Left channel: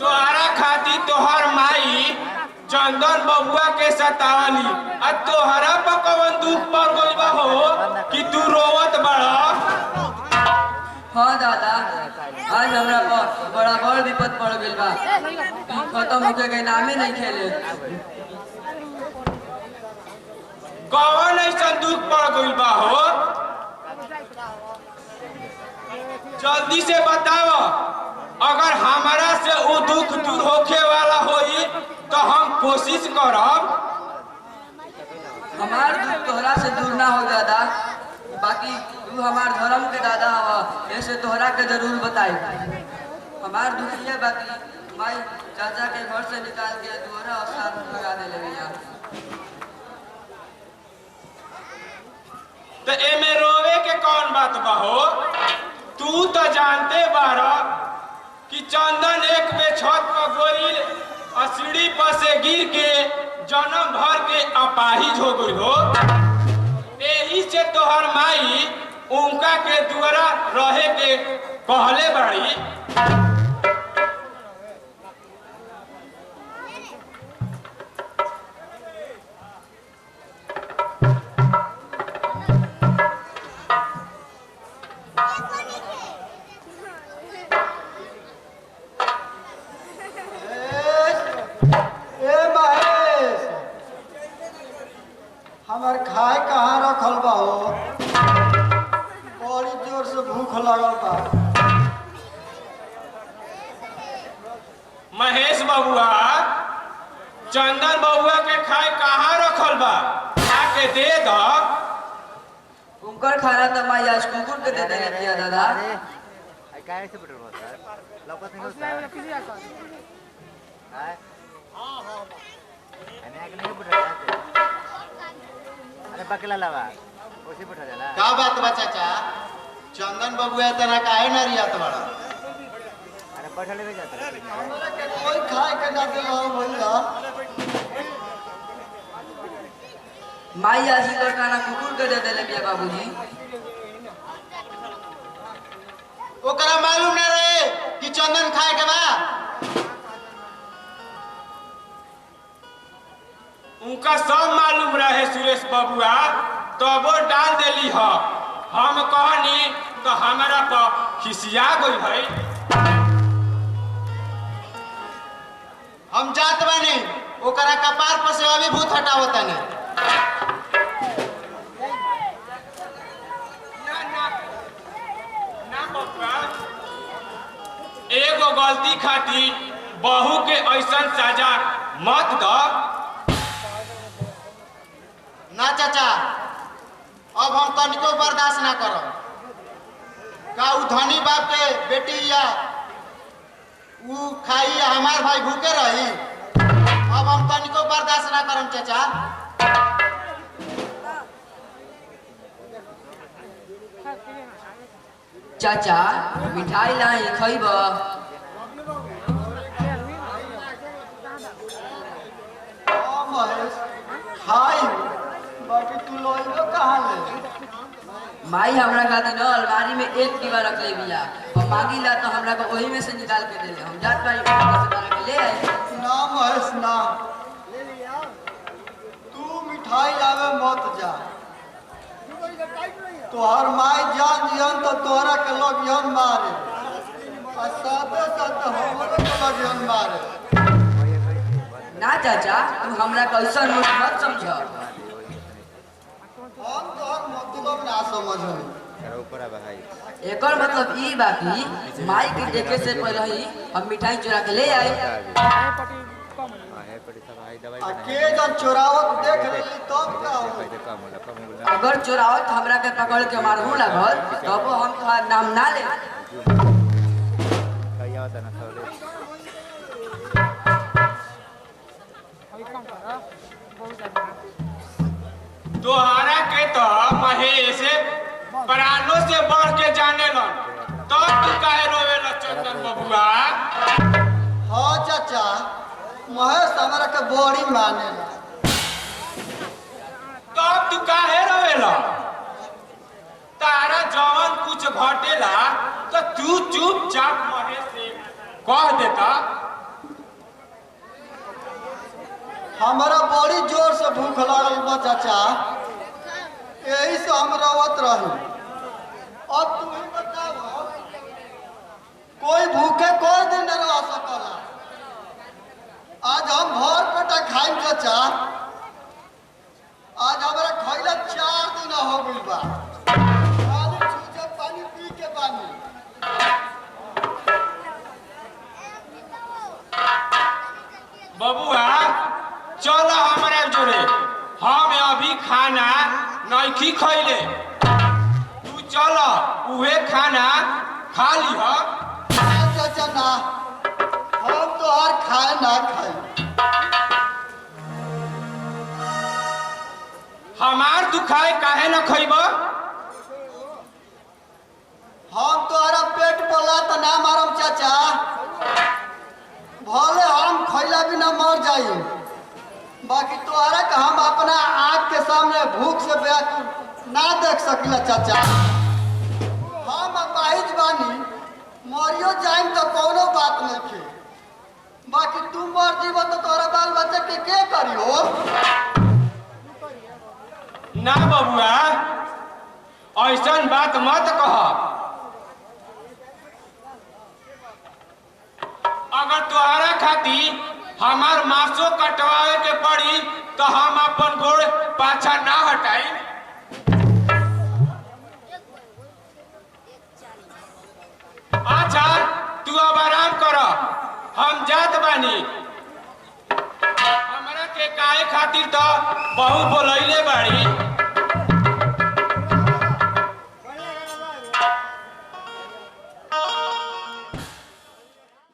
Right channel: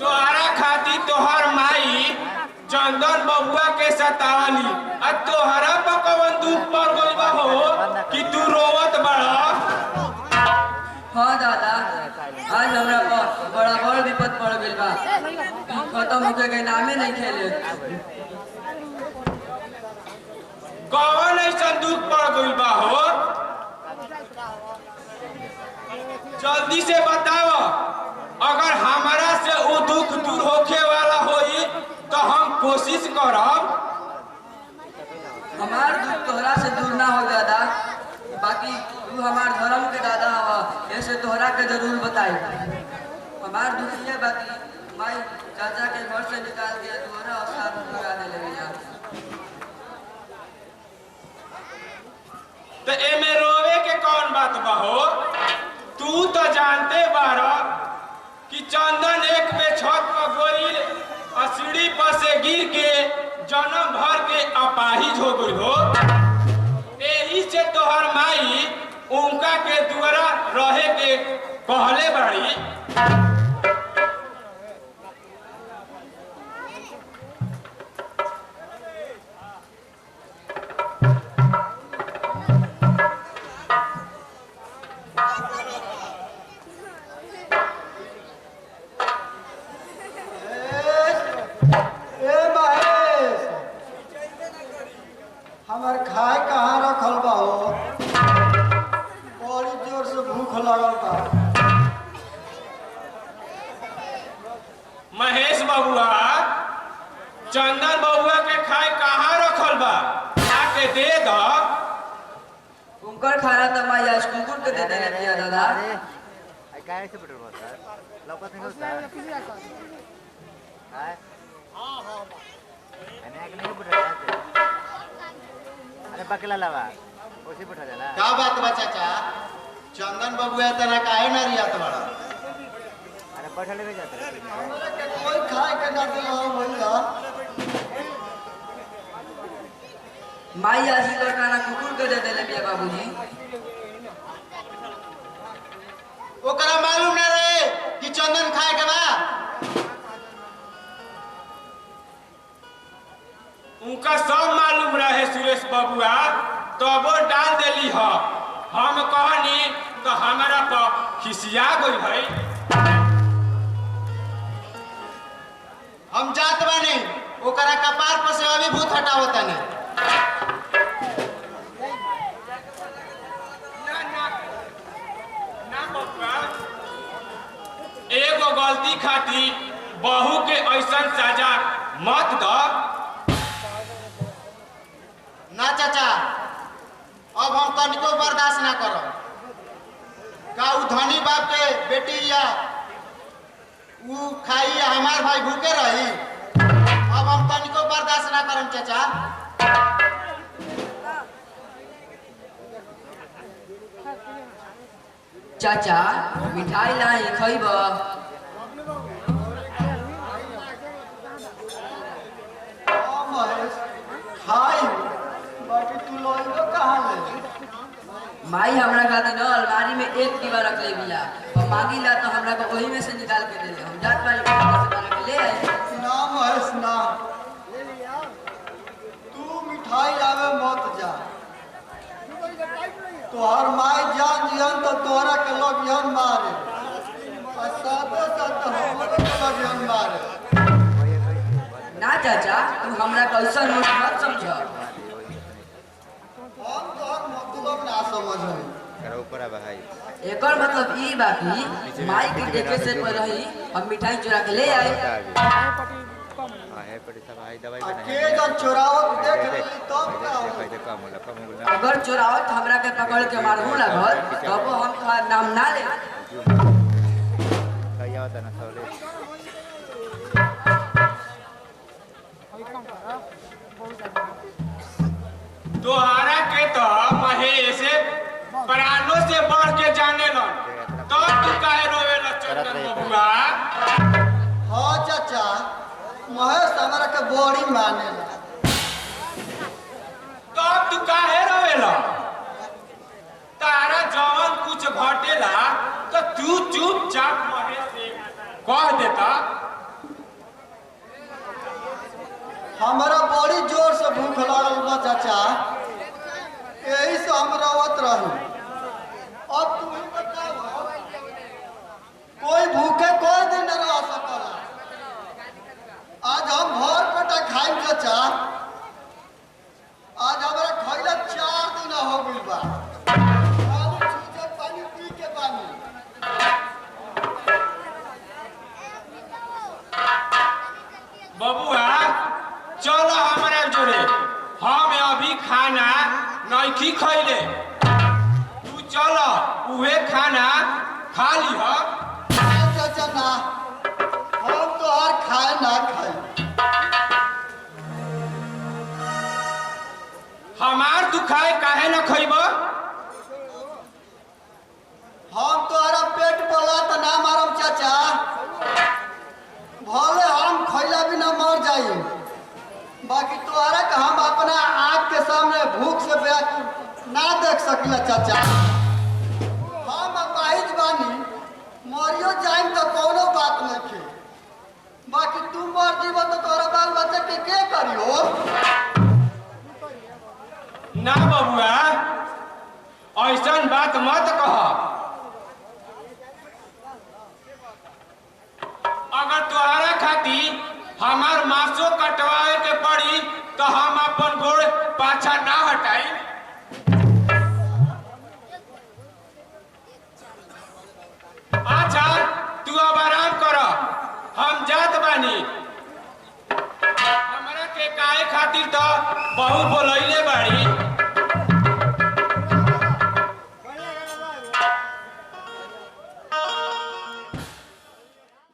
तोहरा खाती तोहर माई चंदन बबुआ के सतावली आ तोहरा पर कवन दुख पड़ गइल बा हो कि तू रोवत बड़ा। हाँ दादा, आज हमरा पर बड़ा बड़ विपद पड़ गइल बा। खत्म होके के नामे नहीं खेले। कवन ऐसा दुख पड़ गइल बा हो? जल्दी से बताओ। अगर हमारा से वो दुख दूर होके वाला होई तो हम कोशिश करब। हमार दुख तोहरा से दूर ना हो दादा, बाकी तू हमार धर्म के दादा हवा, ऐसे तोहरा के जरूर बताई। हमार दुख ये बाकी माई चाचा के घर से निकाल के दोहरा और साथ लगा दे ले। तो एमे रोवे के कौन बात बा हो? तू तो जानते बारा कि चंदन एक में छत पर गोइल और सीढ़ी पर से गिर के जन्म भर के अपाहिज हो गई हो। यही से तोहर माई उनका के द्वारा रहे के कहले बाड़ी। हमार खाए कहाँ रखल बा हो? बड़ी जोर से भूख लगल बा। महेश बबुआ, चंदन बबुआ के खाए कहाँ रखल बा? आके दे दो। उनकर खाना तो माई आज कुकुर के दे देने दिया दादा। काय से पटल बा सर? लौकत नहीं होता। हां हां अने आके नहीं पटल। अरे बकला लावा ओसी पठा जाला। का बात बा चाचा? चंदन बबुआ तना काहे ना रियात बड़ा? अरे पठले में जाता है। हमरा के कोई खाए के ना देला भैया। माई आज ही खाना कुकुर के दे देले बिया बाबूजी। ओकरा मालूम ना रहे कि चंदन खाए के बा? उनका सब मालूम रहे सुरेश बबुआ, तबो डाल देली ह। हम कहनी तो हमारा पर खिसिया गई है। हम जात बानी, ओकरा कपार पर से अभी भूत हटावतानी। ना बबुआ, एगो गलती खाती बहू के ऐसा सजा मत दो। ना चाचा, अब हम तनिको बर्दाश्त ना करब। का उ धनी बाप के बेटी या उ खाई या हमार भाई भूखे रही? अब हम तनिको बर्दाश्त ना करम चाचा। चाचा मिठाई लाई खइब? महेश खाई, बाकी तू लोइबो कहाँ ले? माई हमरा खातिर न अलमारी में एक डिब्बा रख ले बिया। हम मांगी ला तो हमरा को वही में से निकाल के दे ले। हम जात बारी से बना के ले आए। ना महेश ना, तू मिठाई लावे मत जा। तोहर माई जान जियन तो तोहरा के लोग यन मारे, और साथे साथे हमरो के लोग यन मारे। ना चाचा, तू हमरा कैसा मत समझ। हम तोहर मतलब ना समझ। करो ऊपर आ भाई। एकर मतलब ई बा कि माई के देखे से पहले ही हम मिठाई चुरा के ले आए। हां है पड़ी सब भाई दवाई बना। के जन चोरावत देख ली तब का हो? फायदा कम होला। अगर चोरावत हमरा के पकड़ के मारहू लागल तब हम तोहार नाम ना ले। कहिया होता ना सौले। तोहरा के तो महेश प्राणों से बढ़ के जाने लन, तब तू काहे रोवे ला चंदन बबुआ? हाँ चाचा, महेश हमरा के बड़ी मानेला। तब तू काहे रोवे ला? तारा जवन कुछ घटेला तो तू चुपचाप महेश से कह देता। हमारा बड़ी जोर से भूख लागल बा चाचा, यही से हम रोवत रही। अब तू ही बताओ, कोई भूखे कोई दिन न रह सकला। आज हम भर पेटा खाई चाचा, आज हमारा खैला 4 दिन हो गइल बा। खाली छूछे पानी पी के बानी। बबुआ चलो हमारे जोड़े, हम अभी खाना नहीं खैले। तू चलो उहे खाना खा लिह। चाचा ना, हम तो हर खाए ना खाई। हमार दुखाए काहे न खैब? हम तोहरा पेट बोला तो ना मारम चाचा, भले हम खैला बिना मर जाई, बाकी तोहरा के हम अपना आँख के सामने भूख से व्याकुल ना देख सकिला चाचा। हम अपाहिज बानी, मरियो जाइम तो कोनो बात नहीं खे, बाकी तू मर जीव तो तोहरा बाल बच्चा के करियो? ना बबुआ, ऐसन बात मत कह। अगर तोहरा खातिर हमार मासो कटवाए के पड़ी तो हम अपन गोड़ पाछा ना हटाई। अच्छा तू अब आराम कर, हम जात बानी। हमरा के काहे खातिर तो बहुत बोलैले बाड़ी।